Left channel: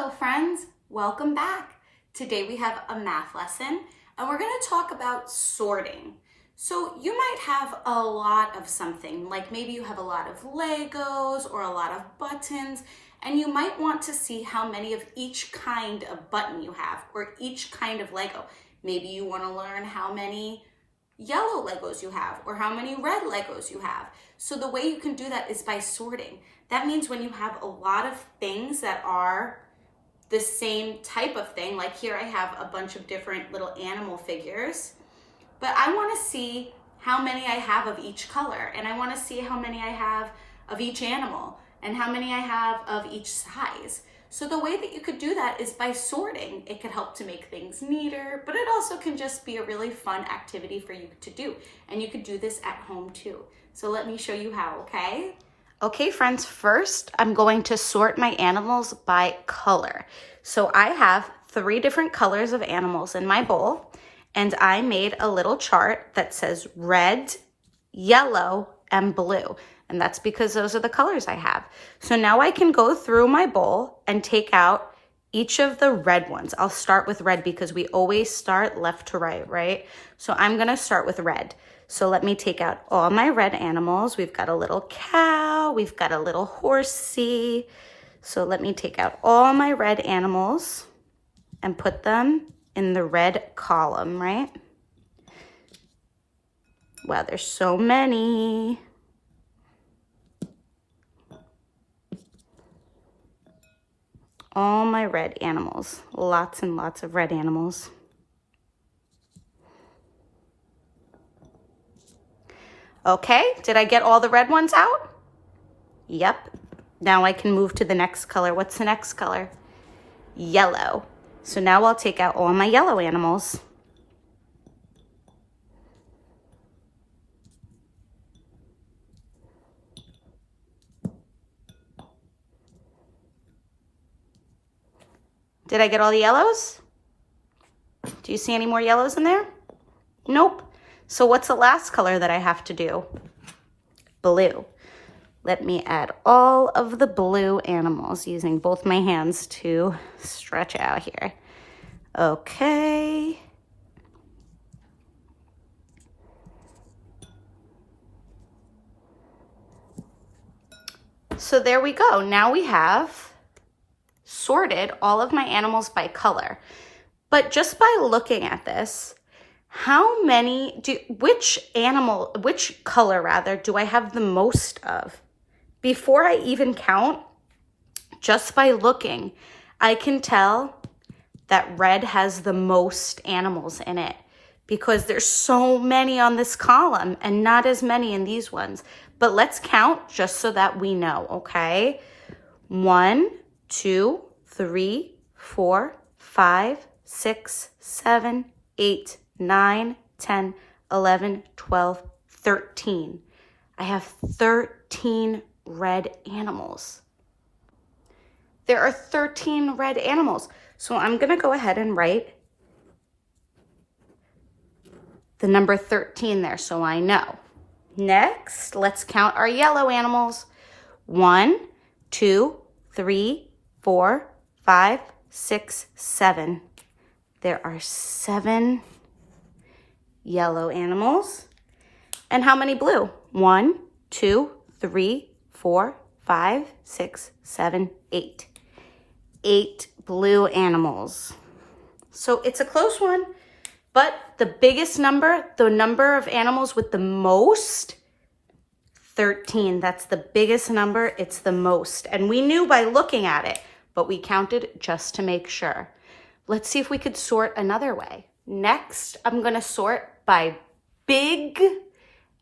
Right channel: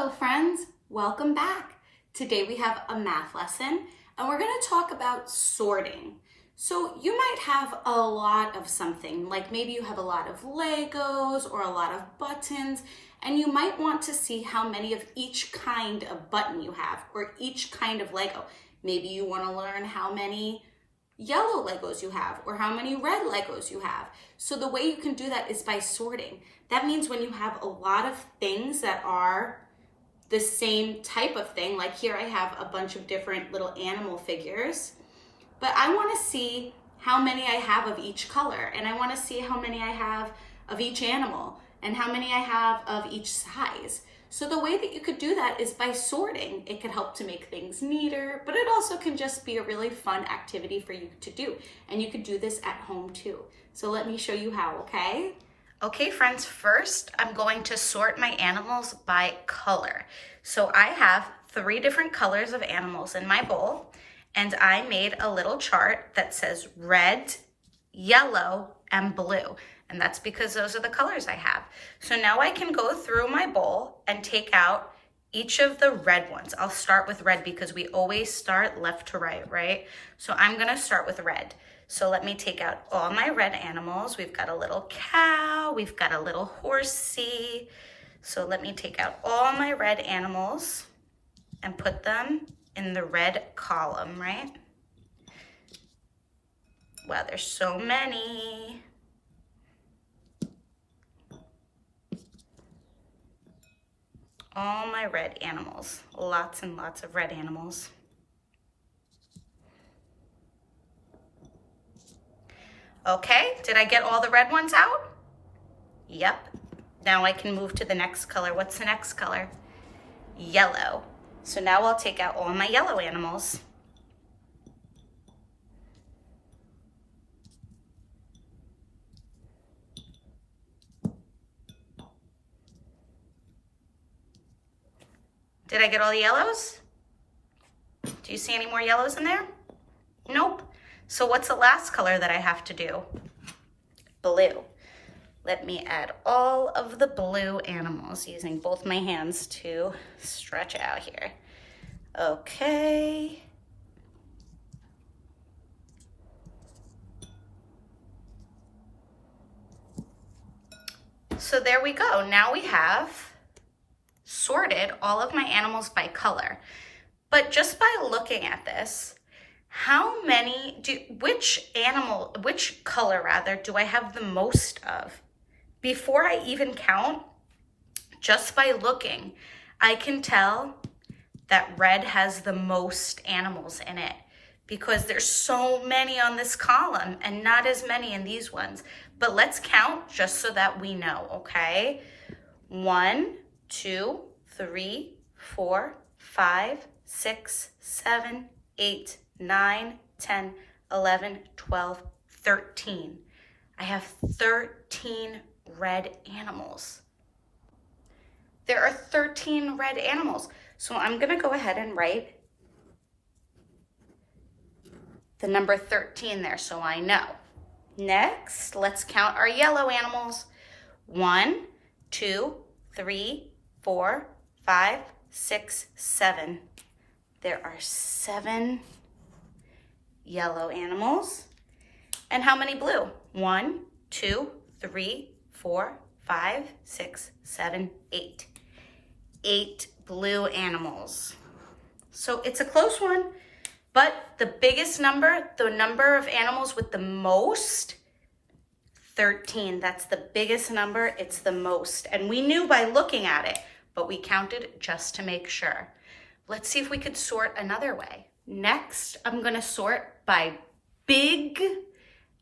Hello friends, welcome back. Today we have a math lesson and we're going to talk about sorting. So you might have a lot of something, like maybe you have a lot of Legos or a lot of buttons, and you might want to see how many of each kind of button you have or each kind of Lego. Maybe you want to learn how many yellow Legos you have or how many red Legos you have. So the way you can do that is by sorting. That means when you have a lot of things that are the same type of thing, like here I have a bunch of different little animal figures, but I want to see how many I have of each color, and I want to see how many I have of each animal and how many I have of each size. So the way that you could do that is by sorting. It could help to make things neater, but it also can just be a really fun activity for you to do. And you could do this at home too. So let me show you how, okay? Okay, friends, first I'm going to sort my animals by color. So I have 3 different colors of animals in my bowl, and I made a little chart that says red, yellow, and blue. And that's because those are the colors I have. So now I can go through my bowl and take out each of the red ones. I'll start with red because we always start left to right, right? So I'm gonna start with red. So let me take out all my red animals. We've got a little cow, we've got a little horsey. So let me take out all my red animals and put them in the red column, right? Wow, there's so many. All my red animals, lots and lots of red animals. Okay, did I get all the red ones out? Yep. Now I can move to the next color. What's the next color? Yellow. So now I'll take out all my yellow animals. Did I get all the yellows? Do you see any more yellows in there? Nope. So what's the last color that I have to do? Blue. Let me add all of the blue animals using both my hands to stretch out here. Okay. So there we go. Now we have sorted all of my animals by color. But just by looking at this, which color rather, do I have the most of? Before I even count, just by looking, I can tell that red has the most animals in it because there's so many on this column and not as many in these ones. But let's count just so that we know, okay? 1, 2, 3, 4, 5, 6, 7, 8, 9, 10, 11, 12, 13. I have 13 red animals. There are 13 red animals. So I'm gonna go ahead and write the number 13 there so I know. Next, let's count our yellow animals. 1, 2, 3, 4, 5, 6, 7. There are 7 yellow animals. And how many blue? 1, 2, 3, 4, 5, 6, 7, 8. 8 blue animals. So it's a close one, but the biggest number, the number of animals with the most, 13. That's the biggest number, it's the most. And we knew by looking at it, but we counted just to make sure. Let's see if we could sort another way. Next, I'm gonna sort by big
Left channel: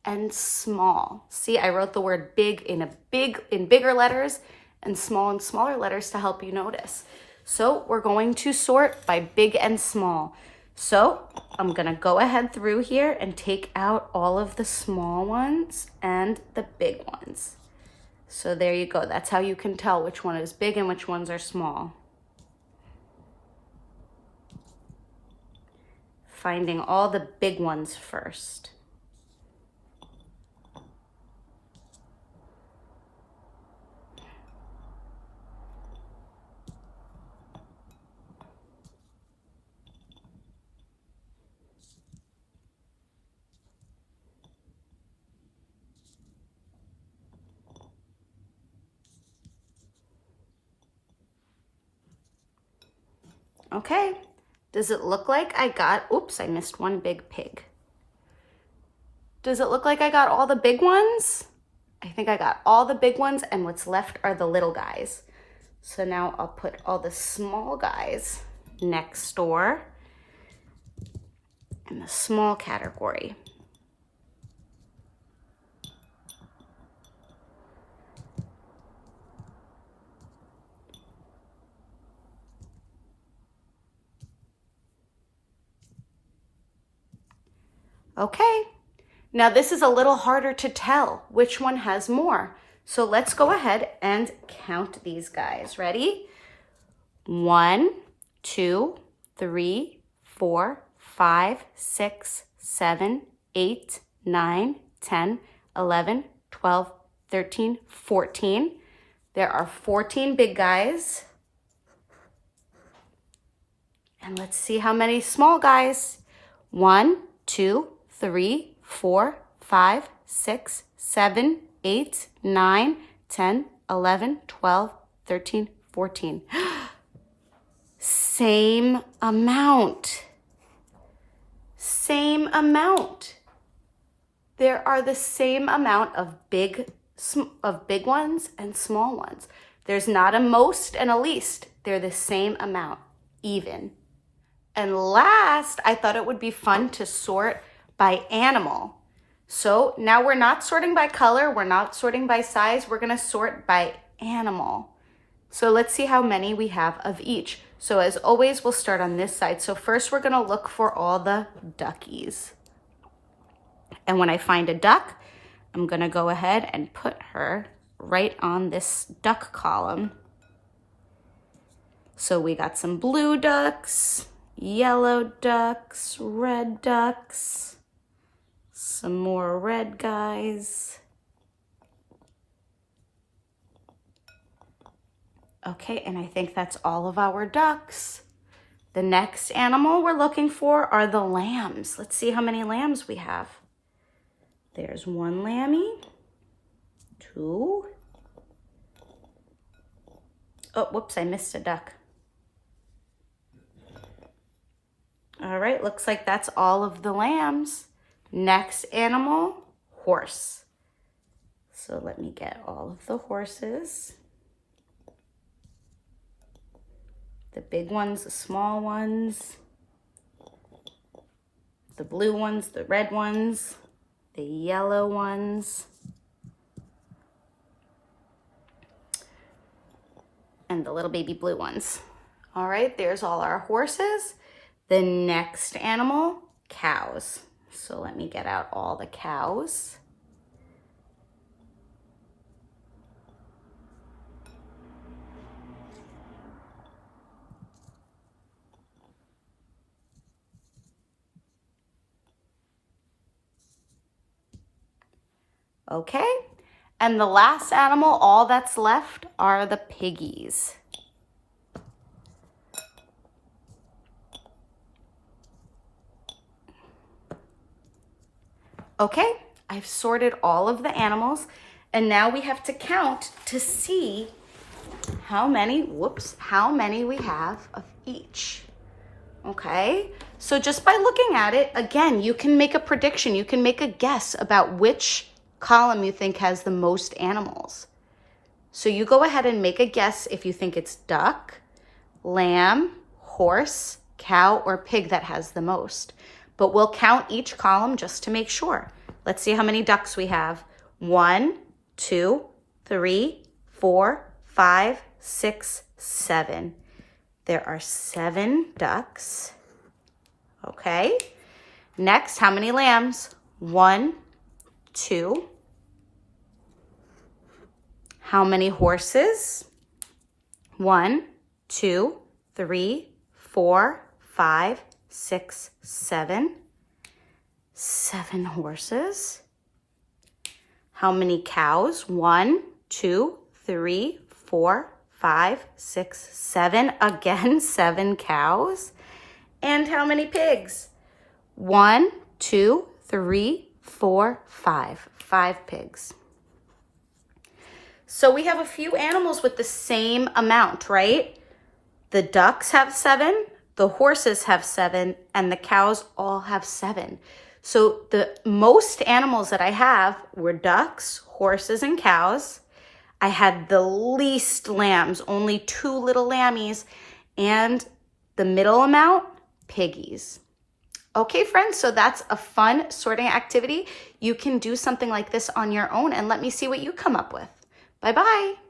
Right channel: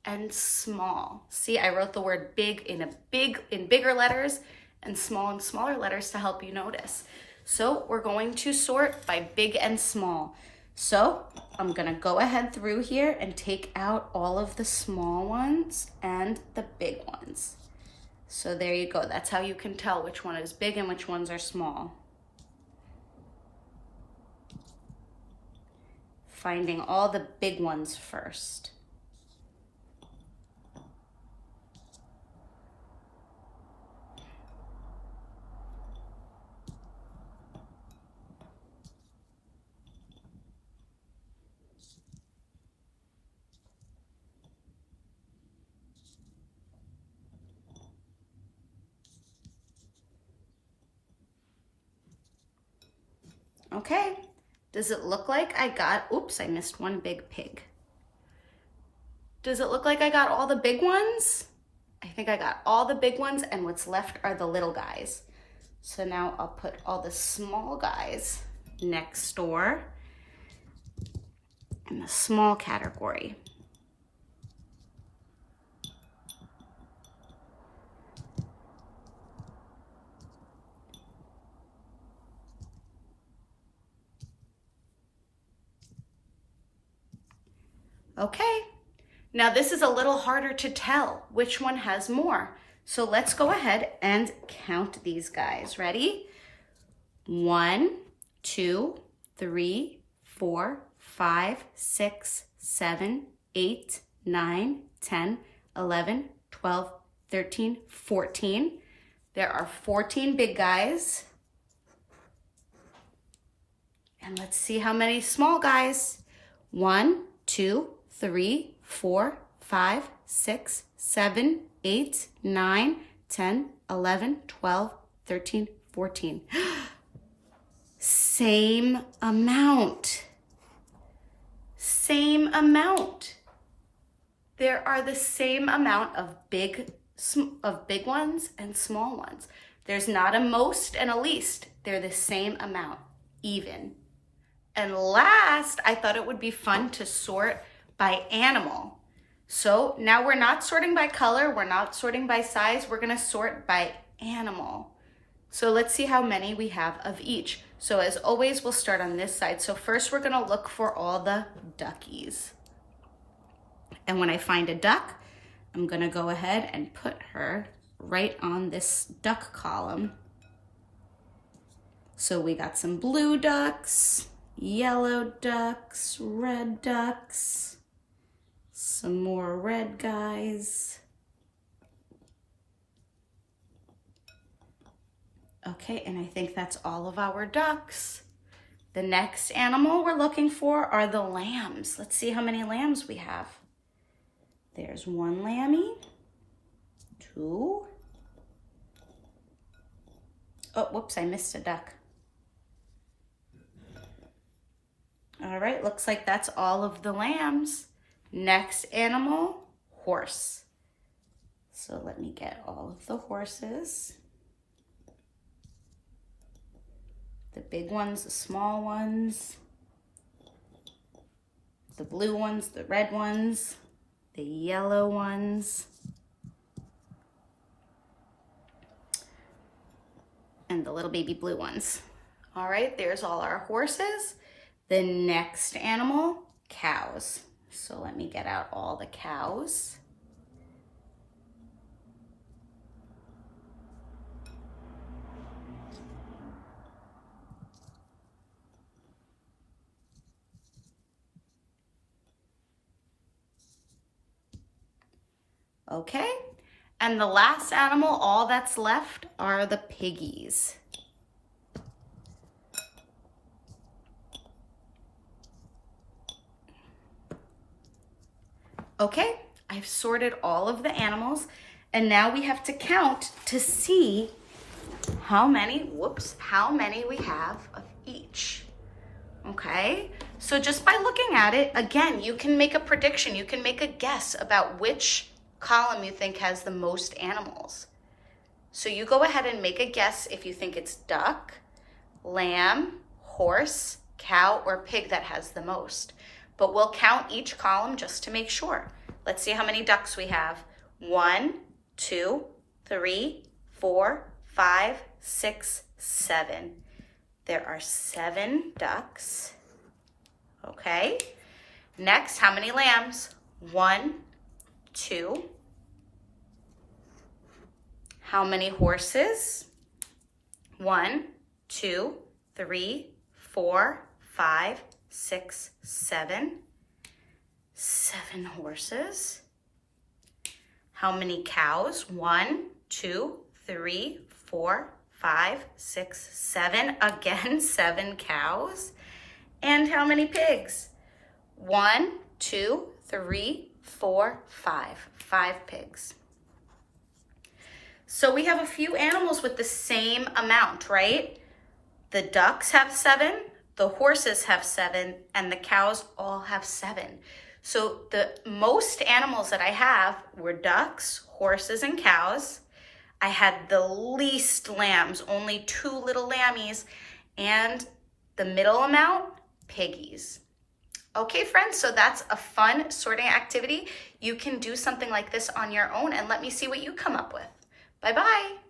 and small. See, I wrote the word big in bigger letters and small in smaller letters to help you notice. So we're going to sort by big and small. So I'm gonna go ahead through here and take out all of the small ones and the big ones. So there you go. That's how you can tell which one is big and which ones are small. Finding all the big ones first. Okay, does it look like I got, oops, I missed one big pig. Does it look like I got all the big ones? I think I got all the big ones, and what's left are the little guys. So now I'll put all the small guys next door in the small category. Okay, now this is a little harder to tell which one has more. So let's go ahead and count these guys. Ready? 1, 2, 3, 4, 5, 6, 7, 8, 9, 10, 11, 12, 13, 14. There are 14 big guys. And let's see how many small guys. 1, 2, 3, 4, 5, 6, 7, 8, 9, 10, 11, 12, 13, 14. Same amount. Same amount. There are the same amount of big ones and small ones. There's not a most and a least. They're the same amount, even. And last, I thought it would be fun to sort by animal. So now we're not sorting by color, we're not sorting by size, we're gonna sort by animal. So let's see how many we have of each. So as always, we'll start on this side. So first we're gonna look for all the duckies. And when I find a duck, I'm gonna go ahead and put her right on this duck column. So we got some blue ducks, yellow ducks, red ducks, some more red guys. Okay, and I think that's all of our ducks. The next animal we're looking for are the lambs. Let's see how many lambs we have. There's 1 lammy, 2. Oh, whoops, I missed a duck. All right, looks like that's all of the lambs. Next animal, horse. So let me get all of the horses. The big ones, the small ones, the blue ones, the red ones, the yellow ones, and the little baby blue ones. All right, there's all our horses. The next animal, cows. So let me get out all the cows. Okay, and the last animal, all that's left are the piggies. Okay, I've sorted all of the animals, and now we have to count to see how many we have of each. Okay, so just by looking at it, again, you can make a prediction, you can make a guess about which column you think has the most animals. So you go ahead and make a guess if you think it's duck, lamb, horse, cow, or pig that has the most. But we'll count each column just to make sure. Let's see how many ducks we have. 1, 2, 3, 4, 5, 6, 7. There are 7 ducks. Okay. Next, how many lambs? 1, 2. How many horses? 1, 2, 3, 4, 5, 6, 7. 7 horses. How many cows? 1, 2, 3, 4, 5, 6, 7. Again, 7 cows. And how many pigs? 1, 2, 3, 4, 5. 5 pigs. So we have a few animals with the same amount, right? The ducks have 7, the horses have 7, and the cows all have 7. So the most animals that I have were ducks, horses, and cows. I had the least lambs, only 2 little lammies, and the middle amount, piggies. Okay, friends, so that's a fun sorting activity. You can do something like this on your own and let me see what you come up with. Bye-bye.